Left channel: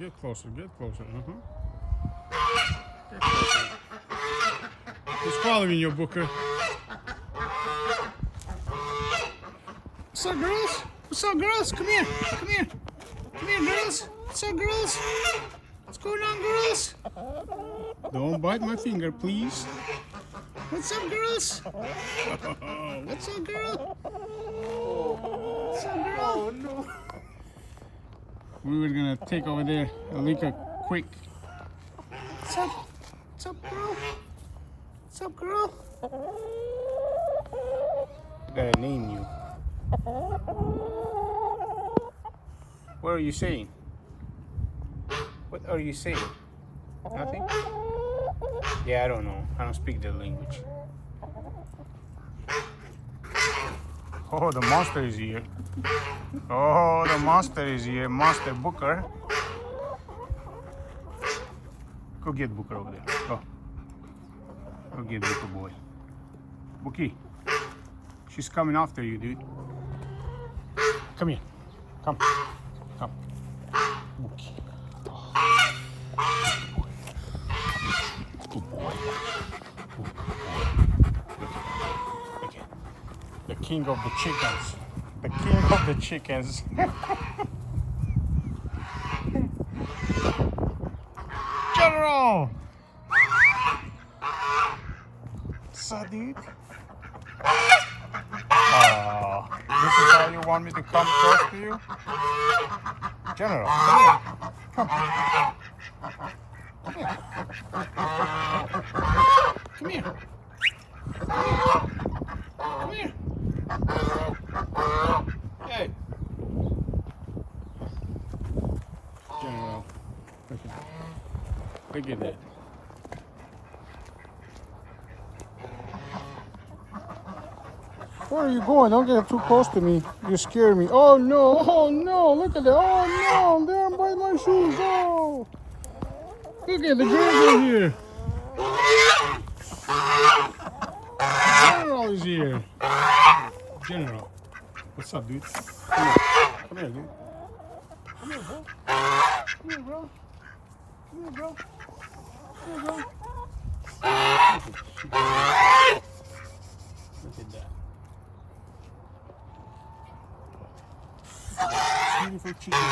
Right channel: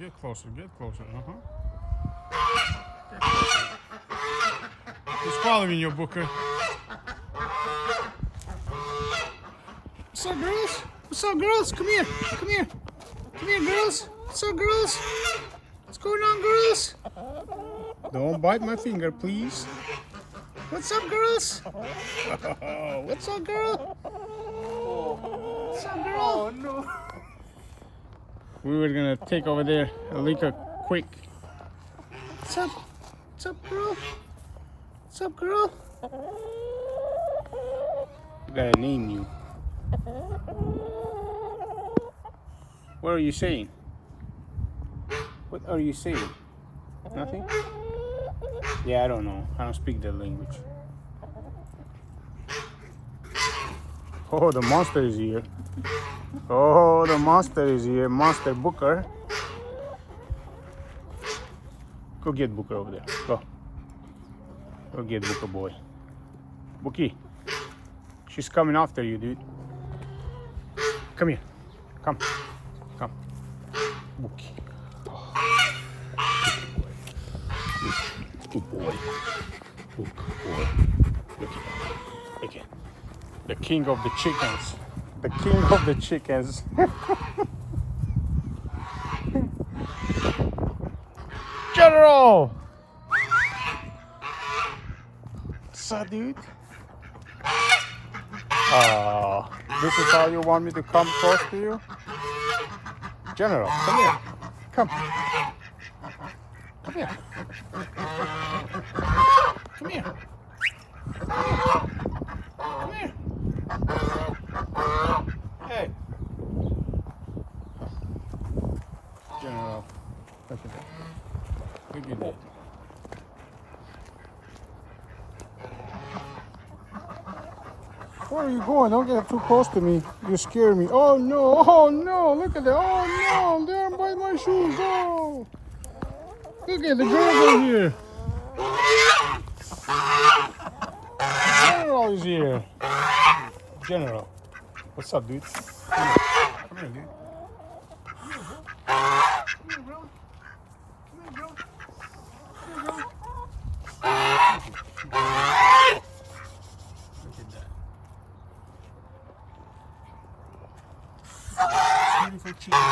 Get closer. Get closer. He's following you, Booker. What's up, girls? What's up, girls? Come here. Come here. Come here, girls. What's up, girls? What's going on, girls? Don't bite my finger, please. What's up, girls? What's up, girl? What's up, girl? Oh no. We were gonna take over there, Alika, quick. What's up? What's up, girl? What's up, girl? We're gonna name you. What are you saying? What are you saying? Nothing? Yeah, I don't know. I don't speak the language. Oh, the monster is here. Oh, the monster is here. Monster Booker. Go get Booker over there. Go. Go get Booker, boy. Bookie. She's coming after you, dude. Come here. Come. Come. Bookie. Good boy. Good boy. Okay. The king of the chickens. The king of the chickens. General! What's up, dude? Oh, this is how you want me to come close to you? General, come here. Come. Come here. Come here. Come here. Hey. General. Okay. Look at that. Where are you going? Don't get too close to me. You scare me. Oh no! Oh no! Look at that! Oh no! They're by my shoes! Oh! Look at the girls are here. General is here. General. What's up, dude? Come here. Come here, dude. Come here, bro. Come here, bro. Come here, bro. Come here, bro. Look at that. Beautiful chicken.